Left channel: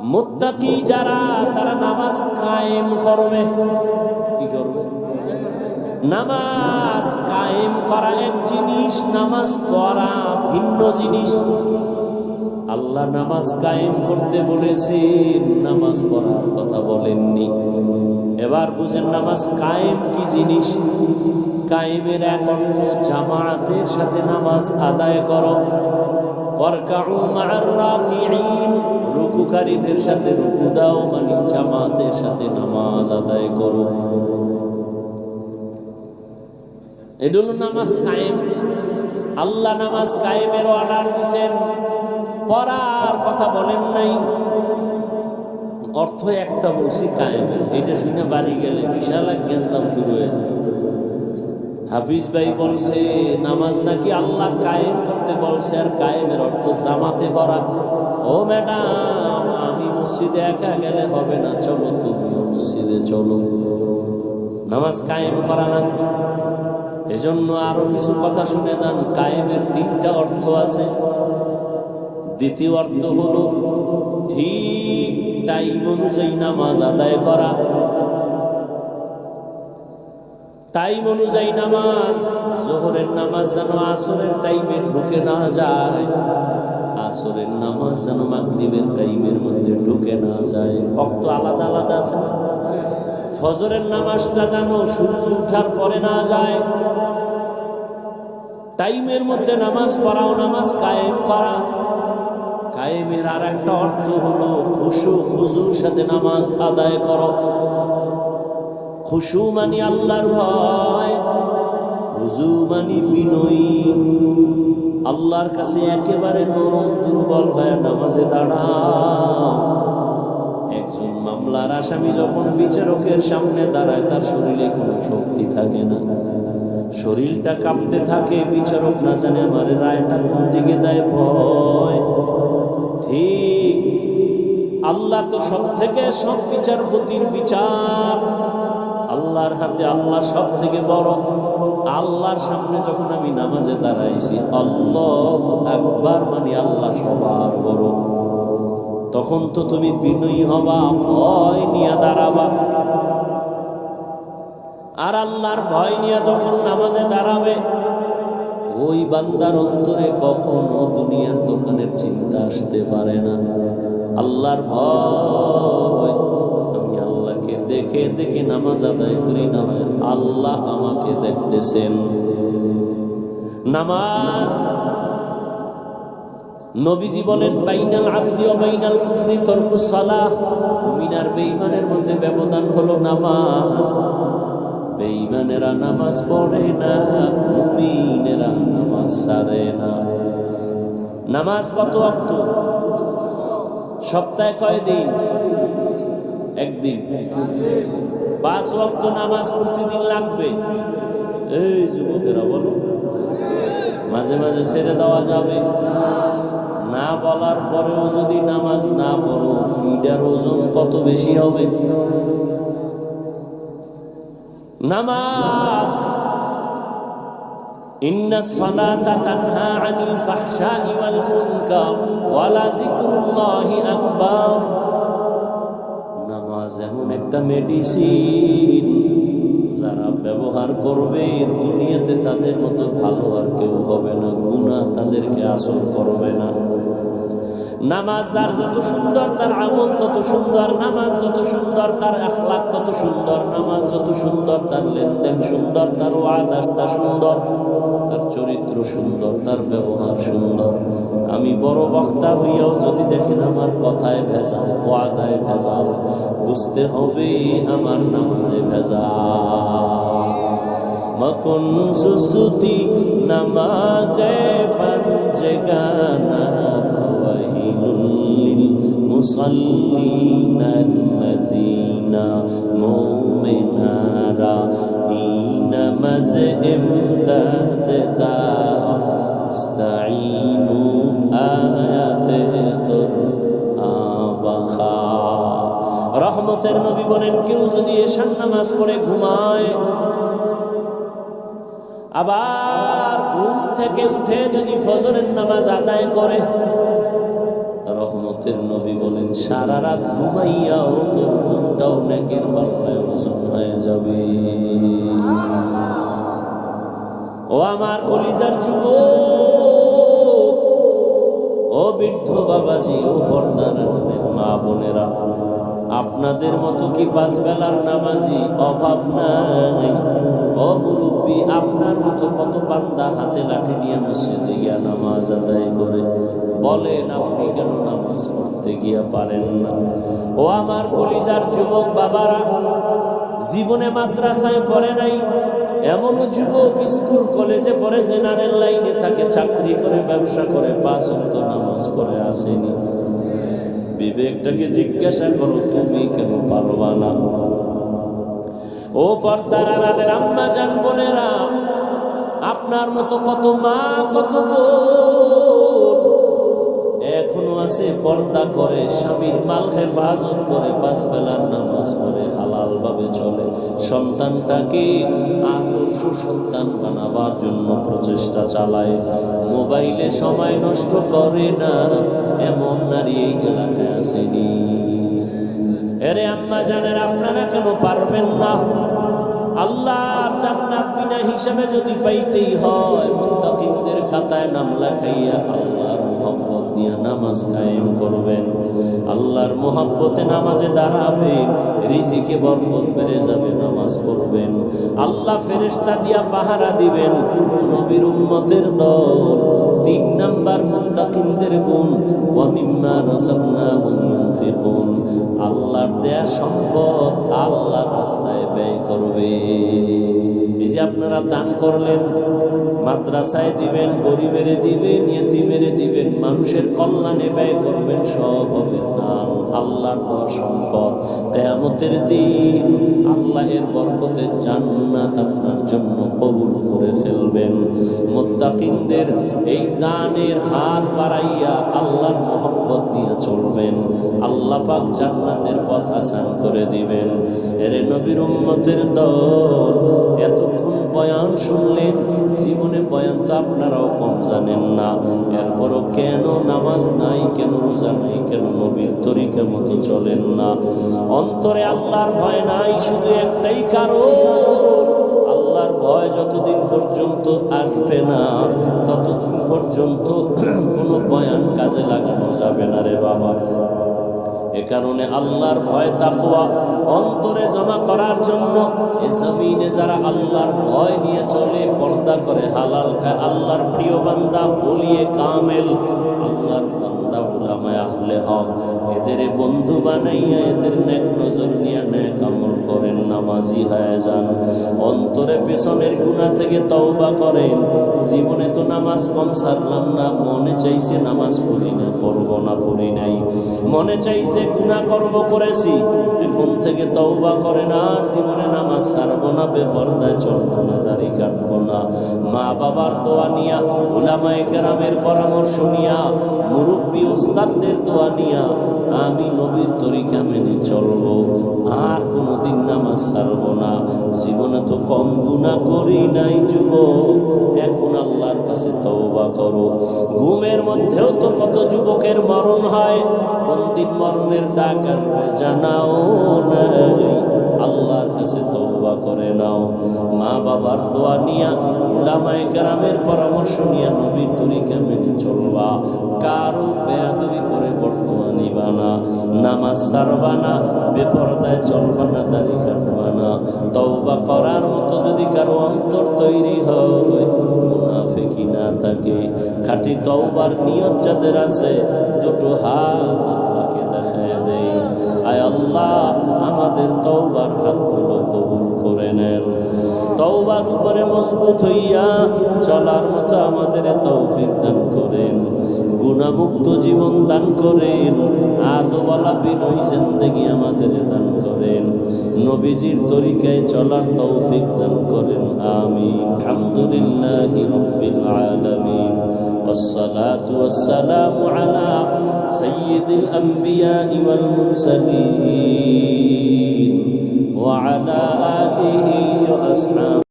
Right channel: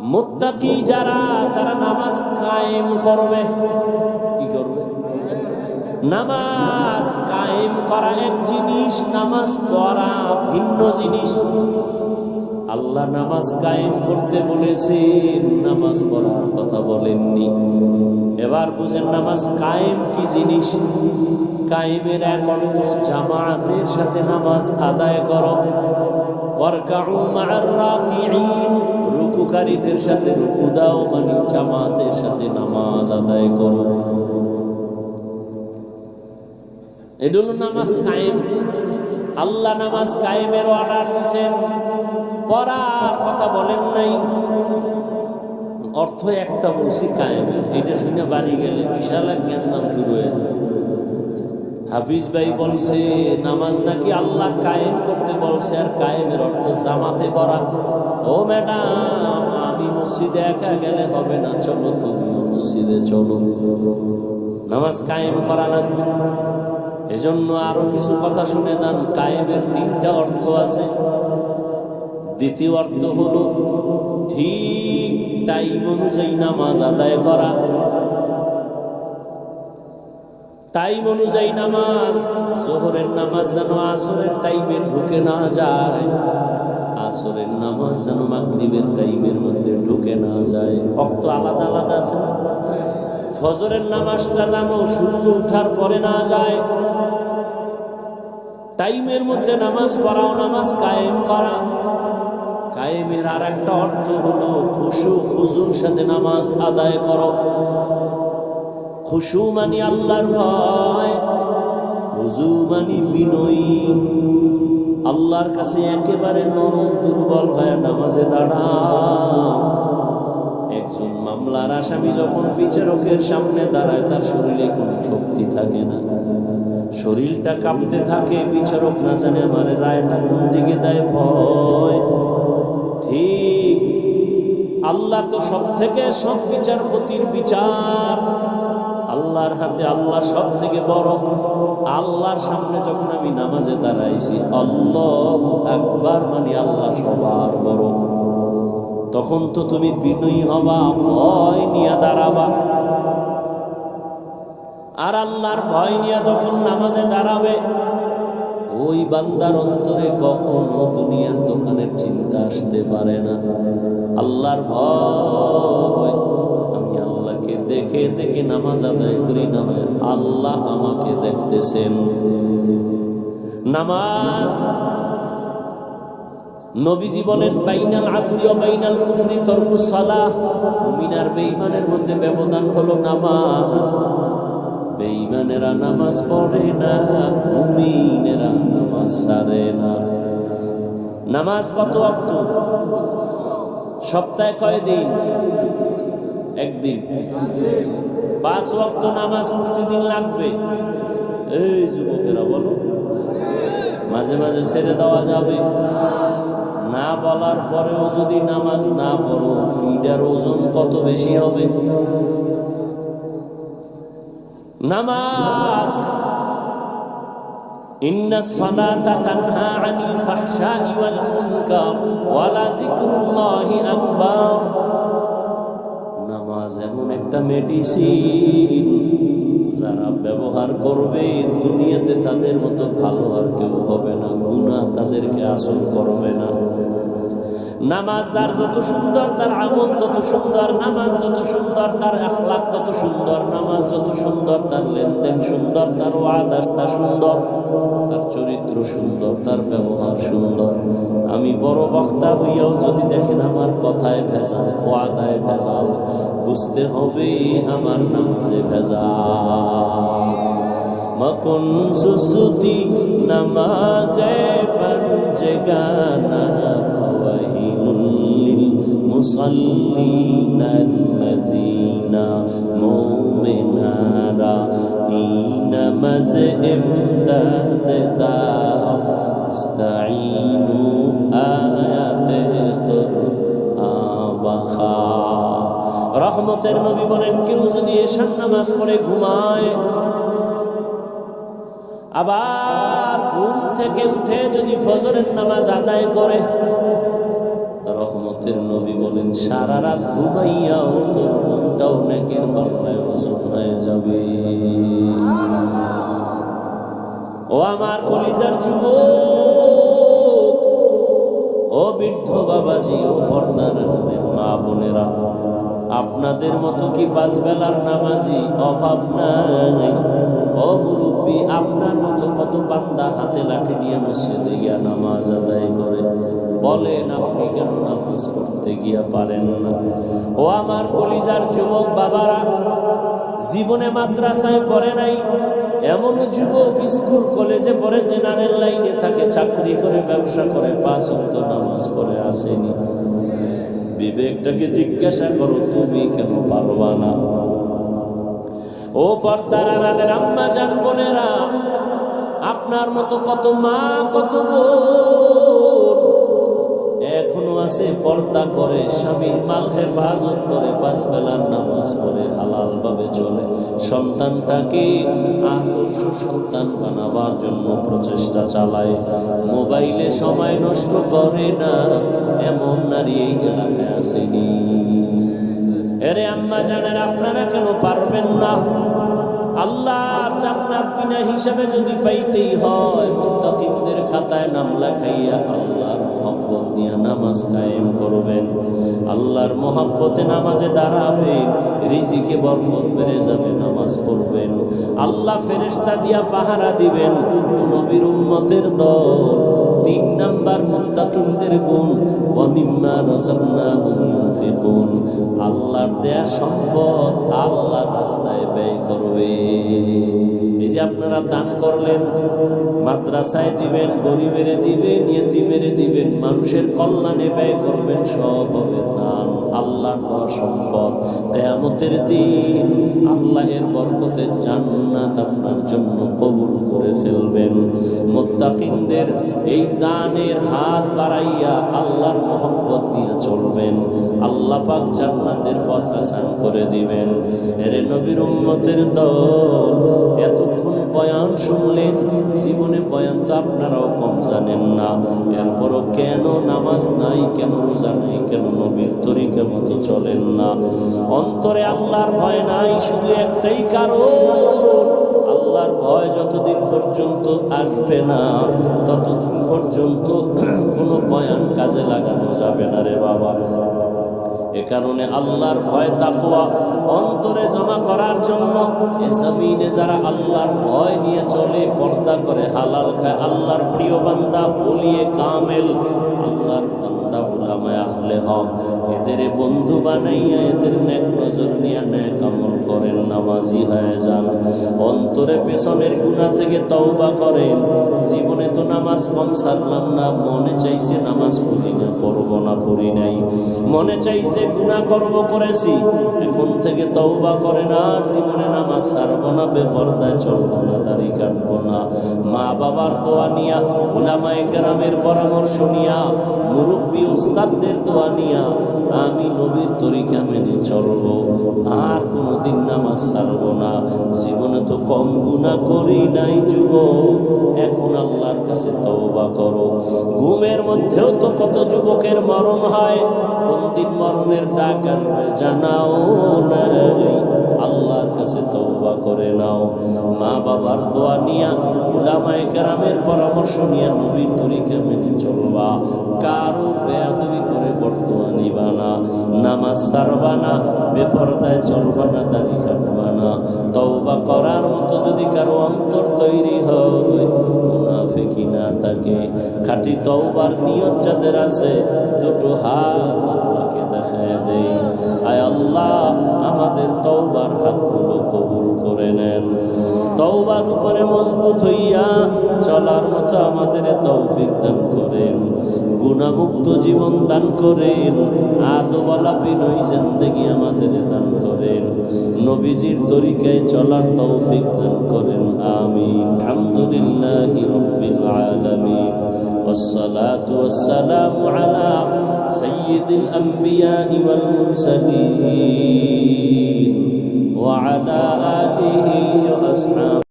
মুত্তাকি যারা, তারা নামাজ কায়েম করবে। কি করবে? নামাজ কায়েম করা এক জিনিস, নামাজ পড়া ভিন্ন জিনিস। আল্লাহ নামাজ কায়েম করতে বলেছেন, নামাজ পড়ার কথা বলেননি। এবার বুঝেন নামাজ কায়েম কি জিনিস? কায়েমের এক অর্থ জামায়াতের সাথে নামাজ আদায় করো। রুকুকারীদের সাথে রুকু দাও মানে জামাতের সাথে নামাজ আদায় করো। এটা হলো নামাজ কায়েম। আল্লাহ নামাজ কায়েমের অর্ডার দিছেন। পড়ার কথা বলেন নাই। অর্থ একটা বলছি, কায়েমের। এইটা শুনে বাড়ি গেলে বিশাল এক জ্ঞানদাম শুরু হয়ে যায় হাফিজ ভাই বলছে, নামাজ নাকি আল্লাহ কায়েম করতে বলছে আর কায়েমের অর্থ জামাতে পড়া ও ম্যাডাম, আমি মসজিদে একা গেলে হবে না, চলো তুমিও মসজিদে চলো। নামাজ কায়েম করা লাগবে। এজন্য আরও কিছু কথা শুনে যান, কায়েমের তিনটা অর্থ আছে। দ্বিতীয় অর্থ হলো, ঠিক টাইম অনুযায়ী নামাজ আদায় করা। টাইম অনুযায়ী নামাজ, জোহরের নামাজ যেন আসরের টাইমে ঢুকে না যায়, আসরের নামাজ যেন মাগরিবের টাইমের মধ্যে ঢুকে না যায়। অক্ত আলাদা আলাদা আছে না? ফজরের নামাজটা যেন সূর্য উঠার পরে না যায়। টাইমের মধ্যে নামাজ পড়াও, নামাজ কায়েম করা। কায়েমের আর একটা অর্থ হলো খুশু খুজুর সাথে নামাজ আদায় করো। খুশু মানি আল্লাহর ভয়, খুজু মানি বিনয়ী। আল্লাহর কাছে একেবারে নরম, দুর্বল হয়ে নামাজে দাঁড়াও। একজন মামলার আসামি যখন বিচারকের সামনে দাঁড়ায়, তার শরীরে কোনো শক্তি থাকে না। শরীরটা কাঁপতে থাকে, বিচারক না জানে আমার রায়টা কোন দিকে দেয় ভয়। ঠিক, আল্লাহ তো সব থেকে সব বিচারপতির বিচার। আল্লাহর হাতে আল্লাহ সব থেকে বড়। আল্লাহর সামনে যখন আমি নামাজে দাঁড়াইছি, আল্লাহ একবার মানে আল্লাহ সবার বড়। তখন তো তুমি বিনয়ী হবা, ভয় নিয়ে দাঁড়াবা। আর আল্লাহর ভয় নিয়ে যখন নামাজে দাঁড়াবে, ওই বান্দার অন্তরে কখনো দুনিয়ার দোকানের চিন্তা আসতে পারে না। আল্লাহর ভয় আমি আল্লাহকে দেখে দেখে নামাজ আদায় করি না হয়। আল্লাহ আমাকে দেখতেছেন। নামাজ নবীজি বলেন বাইনাল ও বাইনাল কুফরি তরকু সালাহ। মুমিনার বেঈমানের মধ্যে ব্যবধান হলো নামাজ। বেঈমানেরা নামাজ পড়ে না, মুমিনেরা নামাজ সারে না। নামাজ কত অক্ত? সপ্তাহে কয় দিন একদিন পাঁচ ওয়াক্ত নামাজ প্রতিদিন লাগবে এই যুবকেরা বলো মাঝে মাঝে ছেড়ে দেওয়া যাবে না বলার পরেও যদি নামাজ না পড়ো ফিডার ওজন কত বেশি হবে নামাজ إن الصلاة تنهى عن الفحشاء والمنكر ولذكر الله أكبر নামাজ এমন একটা মেডিসিন যারা ব্যবহার করবে, দুনিয়াতে তাদের মতো ভালো আর কেউ হবে না গুণা তাদেরকে আসর করবে না। নামাজ যার যত সুন্দর, তার আমল তত সুন্দর, নামাজ যত সুন্দর, তার আখলাক তত সুন্দর, নামাজ যত সুন্দর, তার লেনদেন সুন্দর, তার ওয়াদাসটা সুন্দর, তার চরিত্র সুন্দর, তার ব্যবহার সুন্দর। আমি বড় বক্তা হইয়াও যদি দেখেন আমার কথায় ভেজাল কোয়াদায় ভেজাল, বুঝতে হবে আমার নামাজে ভেজাল। মকন সুসুতি নামাজে পাঞ্জে গানা ফাওয়াইলুল মুসাল্লিন আল্লাযিনা মুমিনারা এই নামাজে ইমদাদ দাও। ইস্তাইনু আয়াতে কুরআন রহমতের নবী বলেন, কেউ যদি এশান নামাজ পড়ে ঘুমায়, আবার ঘুম থেকে উঠে যদি ফজরের নামাজ আদায় করে, রহমতের নবী বলেন, সারা রাত ঘুমাইয়াও তোর ঘুমটাও নেকের পাল্লায় ওজন হয়ে যাবে। ও আমার কলিজার যুব ও বৃদ্ধ বাবাজি, ও পর্দার আড়ালের মা বোনেরা, আপনাদের মতো কি পাঁচ বেলার নামাজি অভাব নাই? ও মুরব্বী, আপনার মতো কত বান্দা হাতে লাঠি নিয়ে মসজিদে গিয়া নামাজ আদায় করে? বলেন, আপনি কেন নামাজ পড়তে গিয়া পারেন না? ও আমার কলিজার যুবক বাবারা, জীবনে মাদ্রাসায় পড়ে নাই এমনও যুবক স্কুল, কলেজে পড়ে জেনারেল লাইনে থাকে, চাকরি করে, ব্যবসা করে, পাঁচ অন্ত নামাজ পড়ে আসেনি। বিবেকটাকে জিজ্ঞাসা করো, তুমি কেন পারবা না? ও পর্দার আম্মা বোনেরা, আপনার মতো কত মা, কত বোন এখনও আছে, পর্দা করে, স্বামীর মাল হেফাজত করে, পাঁচ বেলার নামাজ পড়ে হালাল ভাবে চলে। সন্তানটাকে আদর্শ সন্তান বানাবার জন্য প্রচেষ্টা চালায়। মোবাইলে সময় নষ্ট করে না, এমন নারী এই এলাকায় আসেনি। এরে আম্মা জানেন আপনারা কেন পারবেন না? আল্লাহর জান্নাত বিনা হিসাবে যদি পাইতেই হয় মুত্তাকিনদের খাতায় নাম লেখাইয়া আল্লাহর মোহব্বত নিয়ে নামাজ কায়েম করবেন। আল্লাহর মোহব্বতে নামাজে দাঁড়াবেন রিজিকে বরকত বেড়ে যাবে, নামাজ পড়বেন। আল্লাহ ফেরেশতা দিয়া পাহারা দিবেন নবীর উম্মতের দল। তিন নাম্বার মুত্তাকিনদের গুণ ওয়ামিম্মা রাযাকনাহুম ইউনফিকুন আল্লাহর দেয়া সম্পদ আল্লাহর রাস্তায় ব্যয় করবে। এই যে আপনারা দান করলেন মাদ্রাসায় দিবেন, গরিবের দিবেন, ইয়েতিমেরে দিবেন, মানুষের কল্যাণে ব্যয় করবেন, সব হবে দান, আল্লাহর দেওয়া সম্পদ। কেয়ামতের দিন আল্লাহের বরকতে জান্নাত আপনার জন্য কবুল করে ফেলবেন। মোত্তাকিনদের এই দানের হাত বাড়াইয়া আল্লাহর মোহব্বত নিয়ে চলবেন। আল্লাহ পাক জান্নাতের পথ আসান করে দিবেন। এরে নবীর উম্মতের দল, এতক্ষণ বয়ান শুনলেন, জীবনে বয়ান তো আপনারাও কম জানেন না। এরপরও কেন নামাজ নাই, কেন রোজা নাই, কেন নবীর তরিকা মতো চলেন না। অন্তরে আল্লাহর ভয় নাই, শুধু একটাই কারণ, আল্লাহর ভয় যতদিন পর্যন্ত আসবে না, ততদিন পর্যন্ত কোনো বয়ান কাজে লাগানো যাবে না রে বাবা। এ কারণে আল্লাহর ভয় তাকুয়া অন্তরে জমা করার জন্য এ জমিনে যারা আল্লাহর ভয় নিয়ে চলে, পর্দা করে, হালাল খায়, আল্লাহর প্রিয় বান্দা বলিয়ে কামেল। আল্লাহর বান্দা, উলামায় আহলে হক। এদের বন্ধু বানাইয়া এদের নেক নজর নিয়ে নেক আমল করেন, নামাজি হয়ে যান। অন্তরে পেছনের গুণা থেকে তওবা করেন। জীবনে তো নামাজ কম সারলাম না, মনে চাইছে নামাজ পড়ি না, পড়ব না, পড়ি নাই। মনে চাইছে গুণা করব করেছি, এখন থেকে তওবা করেন আর জীবনে নামাজ সারব না, বেপরদায় চলব না, দাড়ি কাটবো না। মা বাবার দোয়া নিয়া ওলামায়ে কেরামের পরামর্শ নিয়া মুরব্বী ওস্তাদদের দোয়া নিয়া আমি নবীর তরিকা মেনে চলবো। আর কোনোদিন নামাজ ছাড়ব না। জীবনে তো কম গুণা করি নাই যুব এখন আল্লাহর কাছে তওবা করো। ঘুমের মধ্যেও তো কত যুবকের মরণ হয়। কোন দিন মরণের ডাক আসবে জানাও নাই। আল্লাহর কাছে তওবা করে নাও। মা বাবার দোয়া নিয়া উলামায়ে কেরামের পরামর্শ নিয়ে নবীর তরিকা মেনে চলবা। কারও বেয়াদবি করে বর্তমান নিবা নামাজ সারবা না, বেপরদায় চলবা না, দাড়ি কাটবা না। তওবা করার মতো যদি কারও অন্তর তৈরি হয় মুনাফিকি না থাকে। খাঁটি তওবার নিয়ত যাদের আছে, দুটো হাত আল্লাহকে দেখায় দেই। আয় আল্লাহ, আমাদের তওবার হাতগুলো কবুল করে নেন। তওবার উপরে মজবুত হইয়া চলার মতো আমাদের তৌফিক দান করেন গুণামুক্ত জীবন দান করেন আদোবালা বিনয় জিন্দগি আমাদের দান করেন নবীজির তরিকায় চলার তৌফিক দান করেন আমিন আলহামদুলিল্লাহ রব্বিল আলামিন والصلاة والسلام على سيد الأنبياء والمرسلين وعلى آله وأصحابه